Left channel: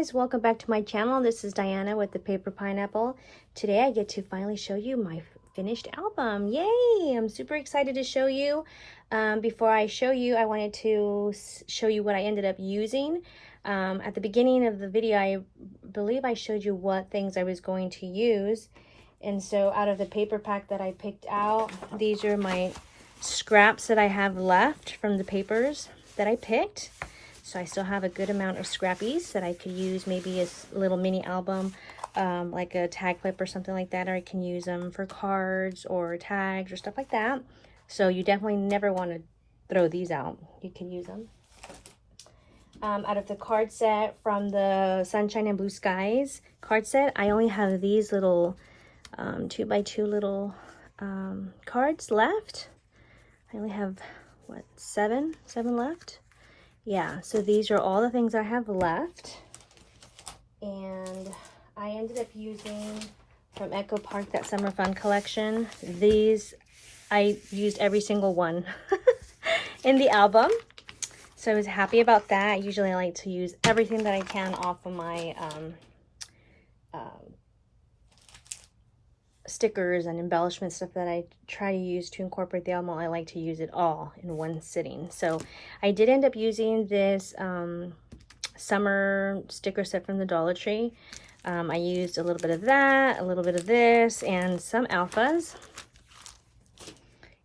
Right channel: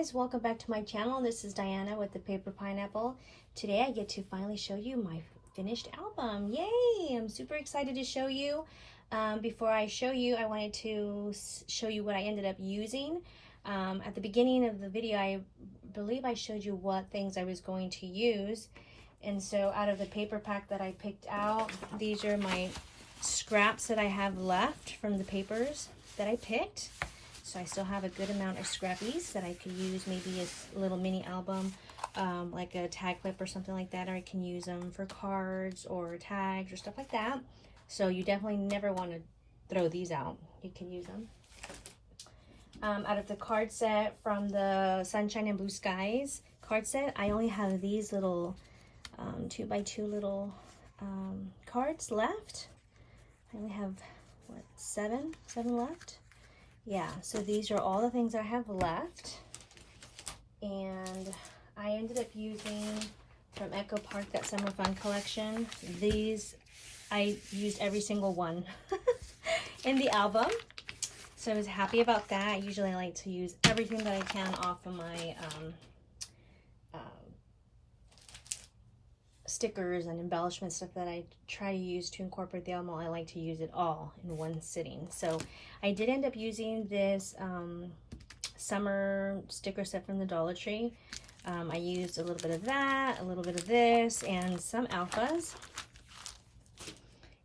guys, welcome back to my channel. This is Diana with the Paper Pineapple. Today I get to finally show you my finished album. Yay! I'm super excited to show you. Before I show you, I wanted to show you what I ended up using. At the beginning of the video, I believe I showed you what things I was going to use. And so out of the paper pack that I picked out, these are my scraps that I have left from the papers that I picked. So I still have a good amount of scrappies that I could use, maybe a little mini album, like a tag clip or something like that, or I can use them for cards or tags or stuff like that. So you definitely never want to throw these out. You can use them. Out of the card set from the Sunshine and Blue Skies card set, I only have these little 2x2 little cards left. I only have, what, seven left? Yeah, so these are all the things I have left. And I ended up using from Echo Park, that Summer Fun collection. These, I used every single one in the album. So I was happy about that. Usually I like to use everything that I can off of my stickers and embellishment stuff that I try to use to incorporate the album. I like to use it all in one sitting. So I did end up using this summer sticker set from the Dollar Tree. I used a little bit of that, a little bit of this, and some alphas.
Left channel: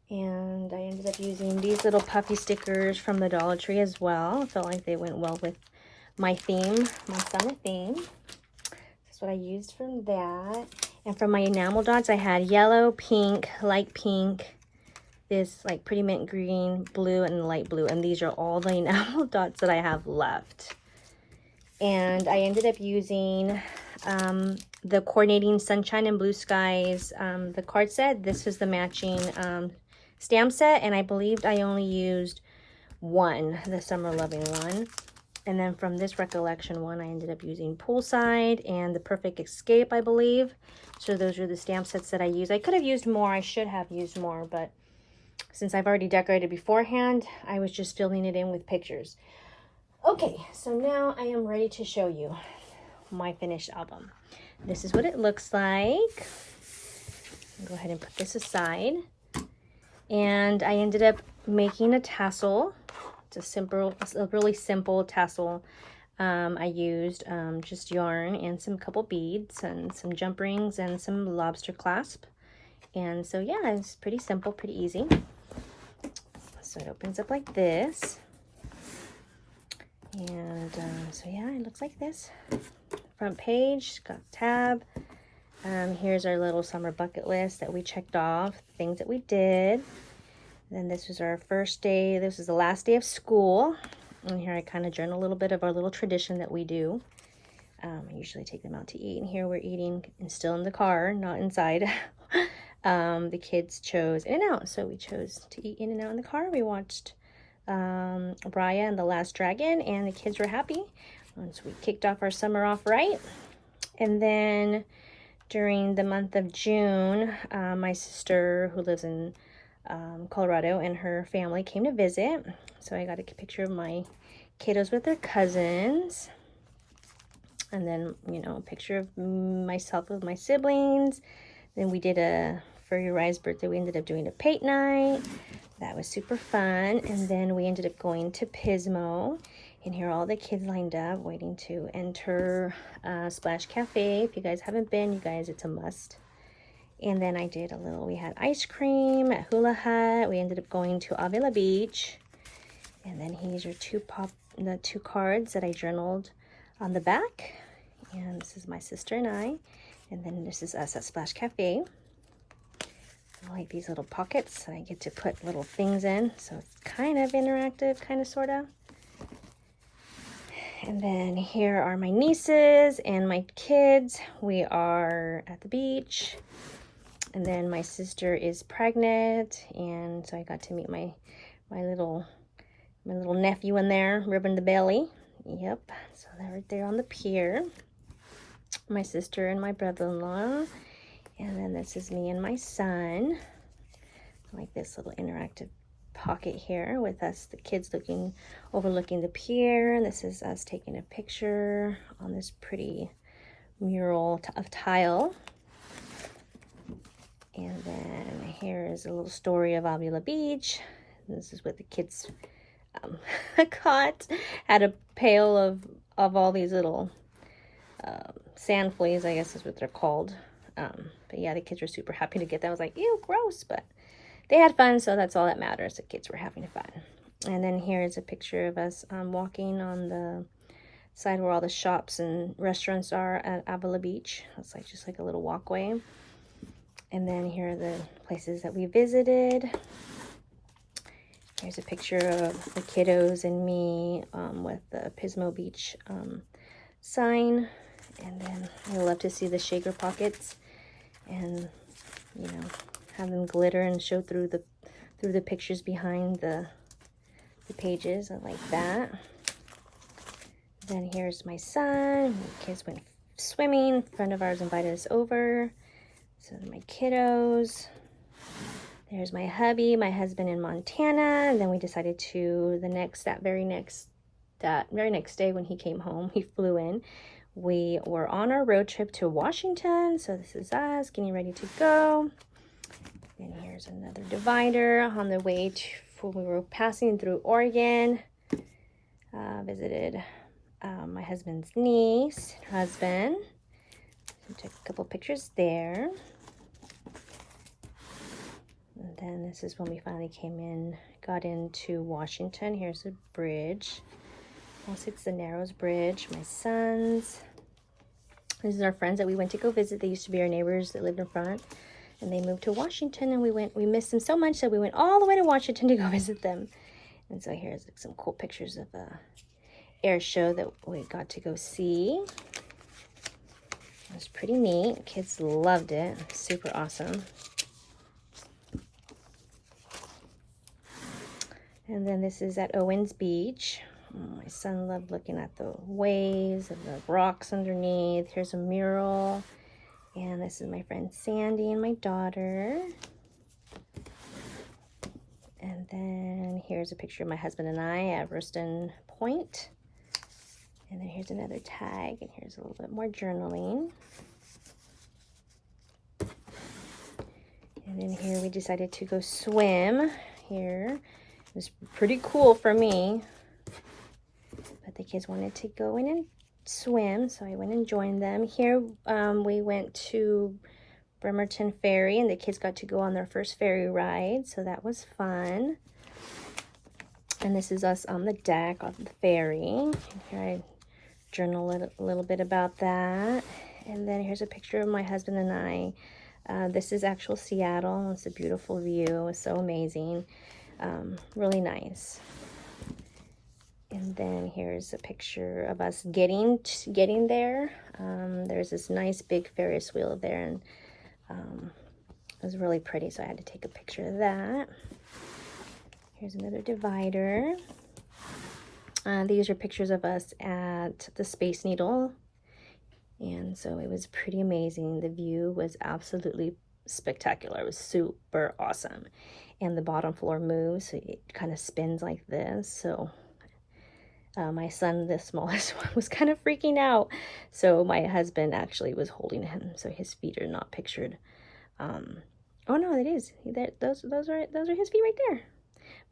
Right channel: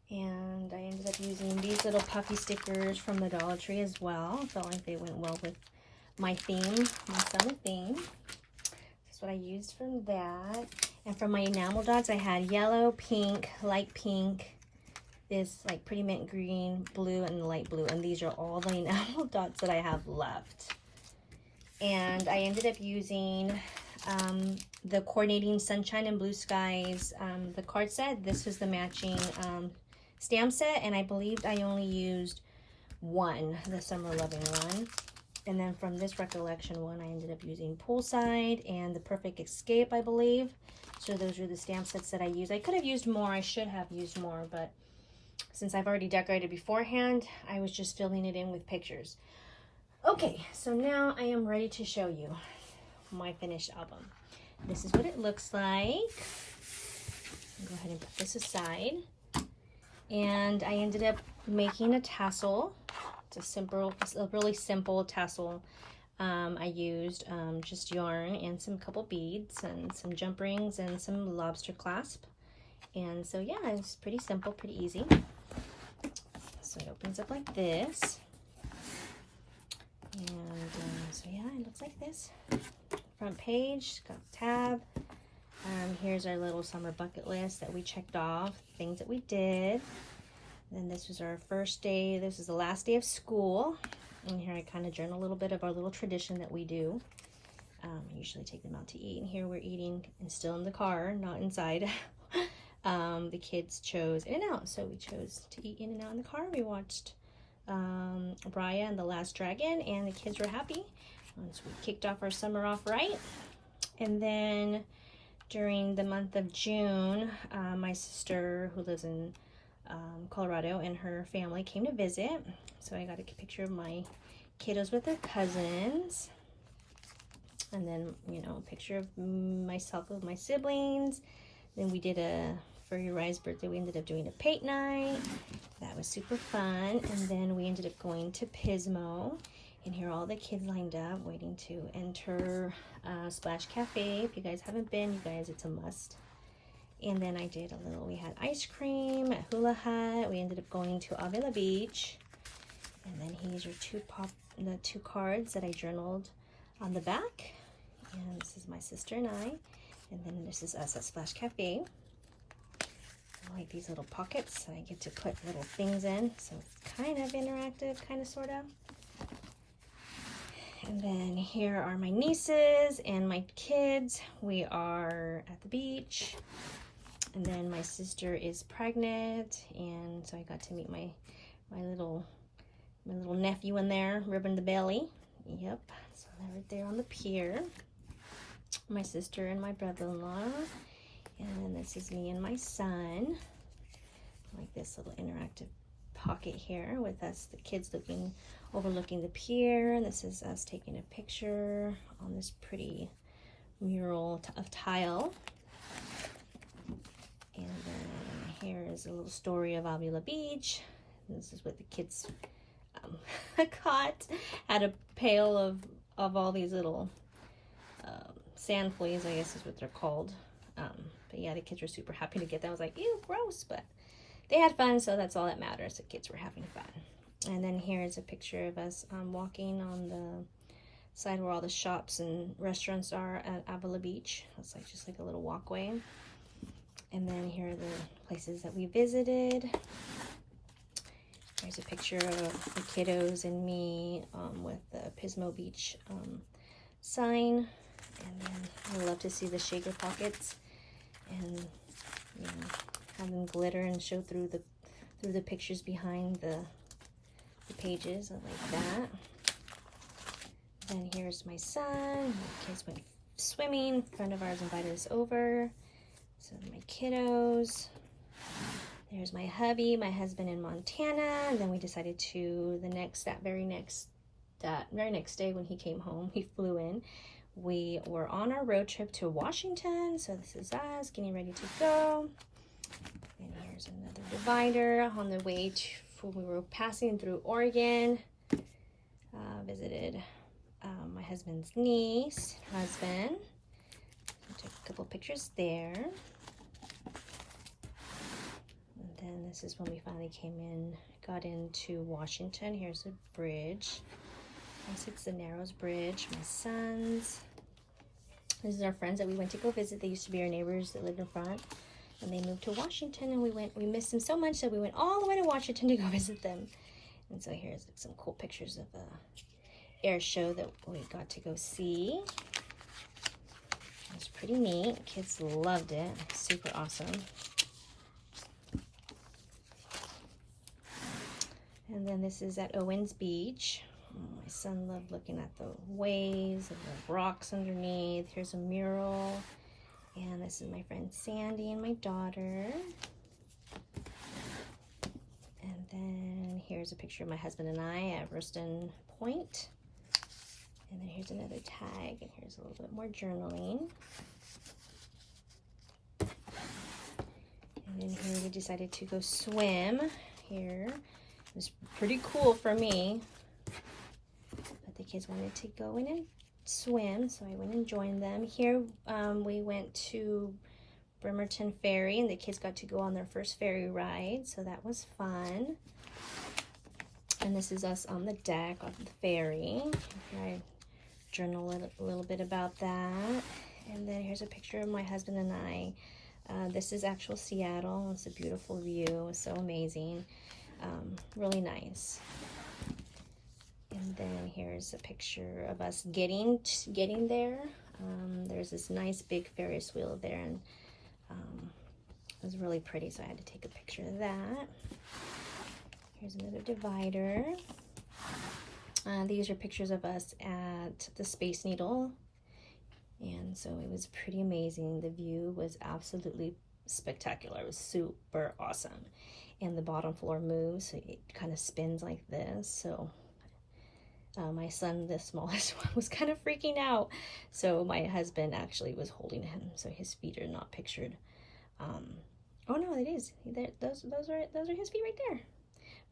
And I ended up using these little puffy stickers from the Dollar Tree as well. I felt like they went well with my theme, my summer theme. That's what I used from that. And for my enamel dots, I had yellow, pink, light pink, this like pretty mint green, blue, and light blue. And these are all the enamel dots that I have left. And I ended up using the coordinating Sunshine and Blue Skies, the card set. This is the matching stamp set. And I believed I only used one, the Summer Loving one. And then from this recollection one, I ended up using Poolside and the Perfect Escape, I believe. So those are the stamp sets that I used. I could have used more. I should have used more, but since I've already decorated beforehand, I was just filling it in with pictures. Okay, so now I am ready to show you my finished album. This is what it looks like. I'll go ahead and put this aside. And I ended up making a tassel. It's a really simple tassel. I used just yarn and some couple beads and some jump rings and some lobster clasp. And so yeah, it's pretty simple, pretty easy. So it opens up like this. And so yeah, it looks like this. Front page, got the tab. Here's our little summer bucket list that we checked off, things that we did. Then this was our first day. This was the last day of school. And here I kind of journal a little bit of our little tradition that we do. I usually take them out to eat. And here we're eating and still in the car, not inside. The kids chose In-N-Out. So we chose to eat In-N-Out in the car. We watched Raya and the Last Dragon. And the kids were happy once we kicked off our summer off right. And then during the month of June, my sister who lives in Colorado and her family came to visit. So I got a picture of my kiddos with their cousins. And then, you know, a picture of myself with my siblings. Then we did for Uriah's birthday, we ended up doing a paint night. That was super fun. And then we ended up going to Pismo. And here are all the kids lined up waiting to enter Splash Cafe. If you guys haven't been, you guys, it's a must. And then I did we had ice cream at Hula Hut. We ended up going to Avila Beach. And then these are the two cards that I journaled on the back. And this is my sister and I. And then this is us at Splash Cafe. I like these little pockets that I get to put little things in. So it's kind of interactive, kind of, sort of. And then here are my nieces and my kids. We are at the beach. And then my sister is pregnant, and so I got to meet my little nephew in there, ribbing the belly. Yep, so they're right there on the pier. My sister and my brother-in-law. And then this is me and my son. I like this little interactive pocket here with us, the kids overlooking the pier. And this is us taking a picture on this pretty mural of tile. And then here is a little story of Avila Beach. This is what the kids caught. Had a pail of all these little sand fleas, I guess is what they're called. But yeah, the kids were super happy to get that. I was like, ew, gross, but they had fun, so that's all that matters. The kids were having fun. And then here is a picture of us walking on the side where all the shops and restaurants are at Avila Beach. It's like just like a little walkway. And then here are the places that we visited. There's a picture of the kiddos and me with the Pismo Beach sign. And then I love to see the shaker pockets and, you know, have them glitter and show through the pictures behind the pages. I like that. Then here's my son. My kids went swimming. A friend of ours invited us over. So my kiddos. There's my hubby, my husband in Montana. And then we decided to that very next day when he came home, he flew in. We were on our road trip to Washington. So this is us getting ready to go. And here's another divider on the way to, we were passing through Oregon. Visited my husband's husband. We took a couple pictures there. And then this is when we finally got into Washington. Here's the bridge. Yes, it's the Narrows Bridge. My sons. These are our friends that we went to go visit. They used to be our neighbors that lived in front. And they moved to Washington, and we missed them so much that we went all the way to Washington to go visit them. And so here's some cool pictures of the air show that we got to go see. It was pretty neat. Kids loved it. Super awesome. And then this is at Owens Beach. My son loved looking at the waves and the rocks underneath. Here's a mural. And this is my friend Sandy and my daughter. And then here's a picture of my husband and I at Ruston Point. And then here's another tag. And here's a little bit more journaling. And then here we decided to go swim here. It was pretty cool for me. But the kids wanted to go in and swim, so I went and joined them. Here we went to Bremerton Ferry, and the kids got to go on their first ferry ride, so that was fun. And this is us on the deck of the ferry. I journal a little bit about that. And then here's a picture of my husband and I. This is actual Seattle. It's a beautiful view. It was so amazing. Really nice. And then here's a picture of us getting there. There's this nice big Ferris wheel there, and it was really pretty, so I had to take a picture of that. Here's another divider. These are pictures of us at the Space Needle, and so it was pretty amazing. The view was absolutely spectacular. It was super awesome, and the bottom floor moves, so it kind of spins like this. So my son, the smallest one, was kind of freaking out. So my husband actually was holding him, so his feet are not pictured. Oh no, it is. Those are his feet right there.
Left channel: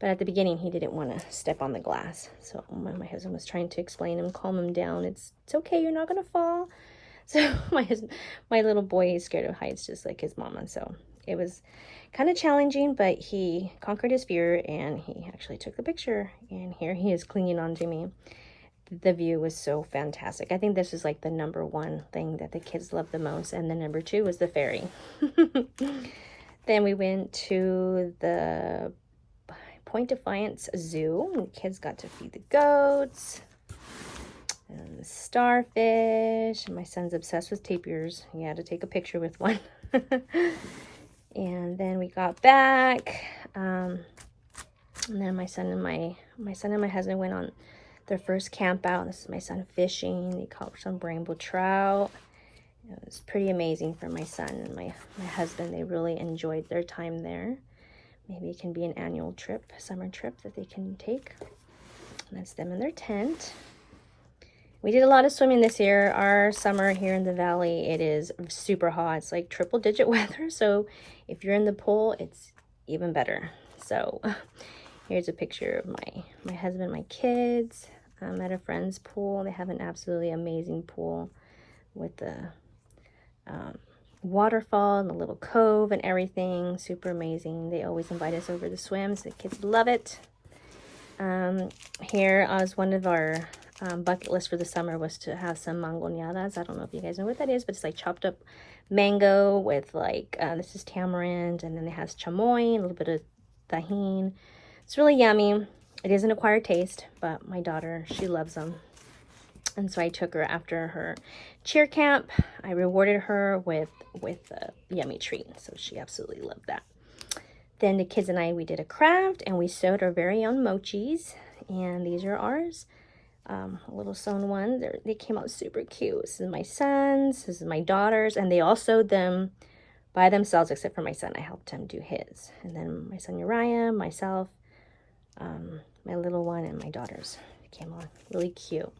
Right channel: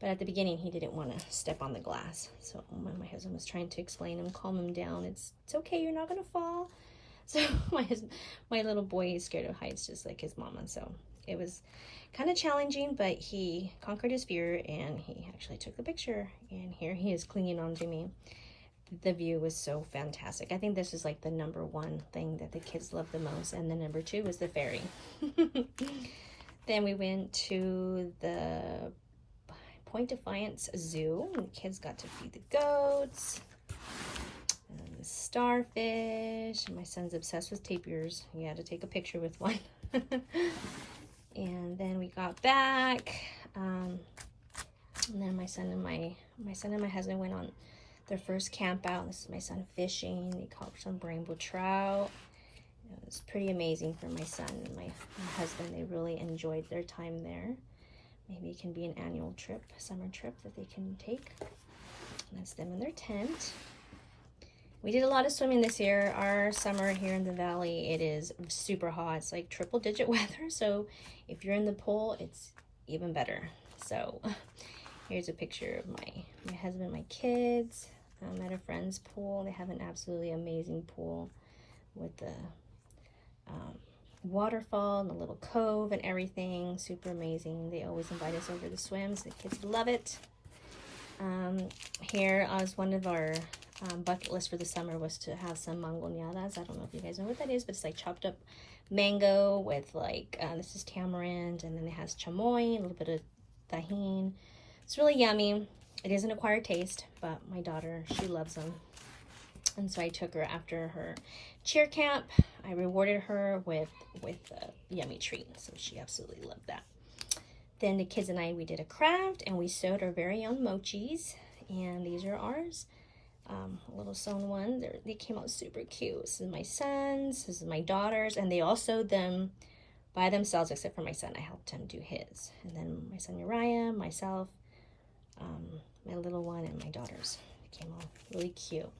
But at the beginning, he didn't want to step on the glass. So my husband was trying to explain him, calm him down. It's okay, you're not gonna fall. So my little boy is scared of heights, just like his mama. So it was kind of challenging, but he conquered his fear and he actually took the picture. And here he is clinging on to me. The view was so fantastic. I think this is like the #1 thing that the kids loved the most. And the #2 was the ferry. Then we went to the Point Defiance Zoo. And the kids got to feed the goats and the starfish. And my son's obsessed with tapirs. He had to take a picture with one. And then we got back, and then my son and my husband went on their first camp out. This is my son fishing. He caught some rainbow trout. It was pretty amazing for my son and my husband. They really enjoyed their time there. maybe it can be an annual trip, summer trip that they can take. And that's them in their tent. We did a lot of swimming this year. Our summer here in the valley, it is super hot. It's like triple digit weather. So if you're in the pool, it's even better. So here's a picture of my husband, my kids. I'm at a friend's pool. They have an absolutely amazing pool with the waterfall and the little cove and everything. Super amazing. They always invite us over to swim, so the kids love it. Here as one of our bucket list for the summer was to have some mangoneadas. I don't know if you guys know what that is, but it's like chopped up mango with like this is tamarind, and then it has chamoy, a little bit of tahini. It's really yummy. It is an acquired taste, but my daughter, she loves them. And so I took her after her cheer camp. I rewarded her with a yummy treat, so she absolutely loved that. Then the kids and I, we did a craft, and we sewed our very own mochis, and these are ours. A little sewn one. They came out super cute. This is my son's, this is my daughter's, and they all sewed them by themselves, except for my son. I helped him do his. And then my son Uriah, myself, my little one, and my daughter's. They came out really cute.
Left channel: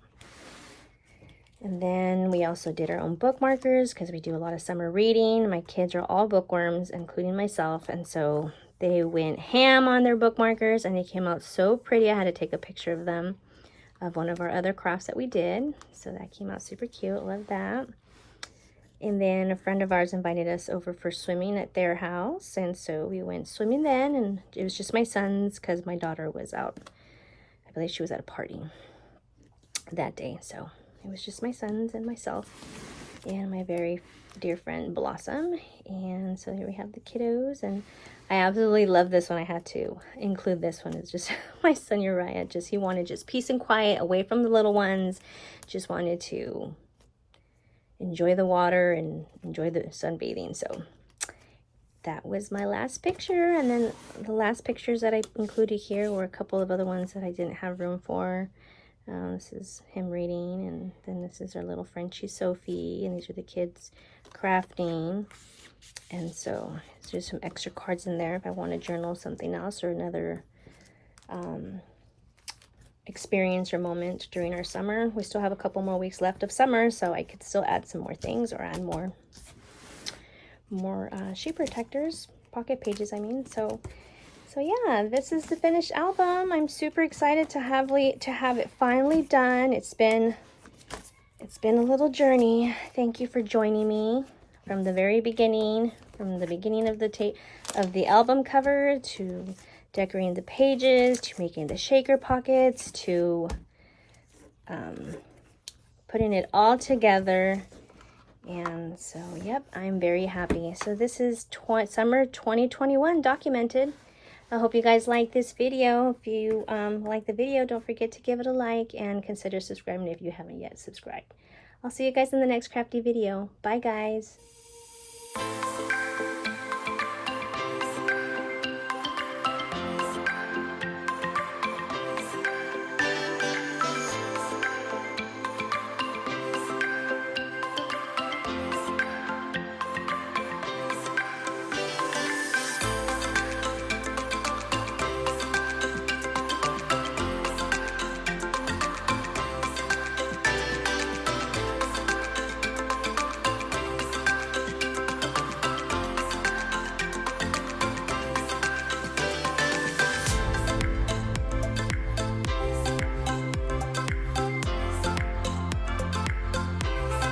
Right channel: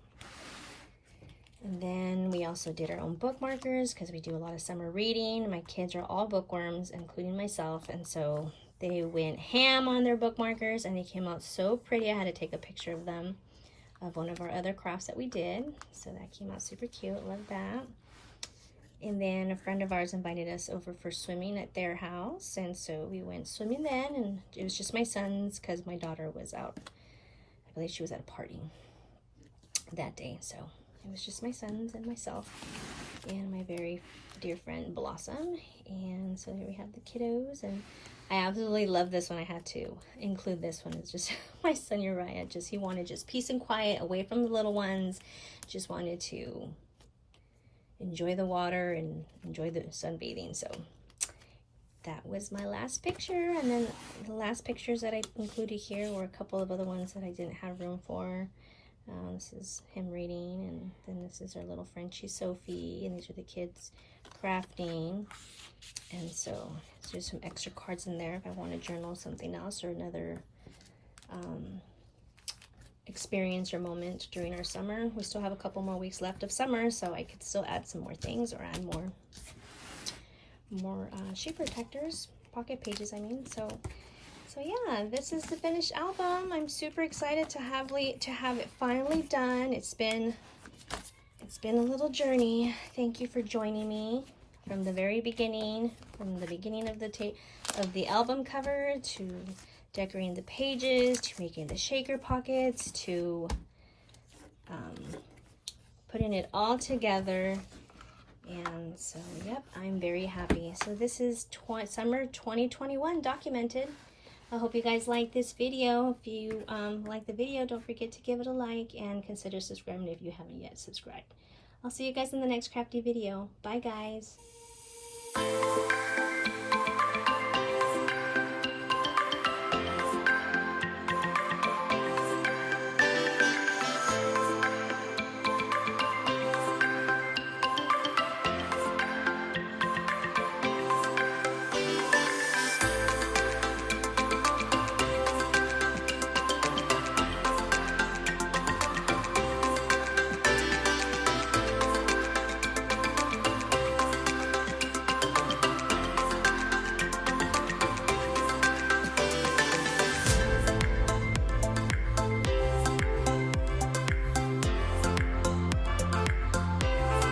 And then we also did our own bookmarkers because we do a lot of summer reading. My kids are all bookworms, including myself, and so they went ham on their bookmarkers, and they came out so pretty. I had to take a picture of them, of one of our other crafts that we did. So that came out super cute. Love that. And then a friend of ours invited us over for swimming at their house, and so we went swimming then, and it was just my son's because my daughter was out. I believe she was at a party that day, so it was just my sons and myself and my very dear friend Blossom. And so here we have the kiddos, and I absolutely love this one. I had to include this one. It's just my son Uriah, he wanted just peace and quiet, away from the little ones, just wanted to enjoy the water and enjoy the sunbathing. So that was my last picture. And then the last pictures that I included here were a couple of other ones that I didn't have room for. This is him reading, and then this is our little Frenchie Sophie, and these are the kids crafting. And so there's some extra cards in there if I want to journal something else or another experience or moment during our summer. We still have a couple more weeks left of summer, so I could still add some more things or add more sheet protectors, pocket pages, I mean. So yeah, this is the finished album. I'm super excited to have it finally done. It's been a little journey. Thank you for joining me from the very beginning, from the beginning of the album cover to decorating the pages, to making the shaker pockets, to putting it all together. And so, yep, I'm very happy. So this is summer 2021 documented. I hope you guys like this video. If you like the video, don't forget to give it a like and consider subscribing if you haven't yet subscribed. I'll see you guys in the next crafty video. Bye, guys.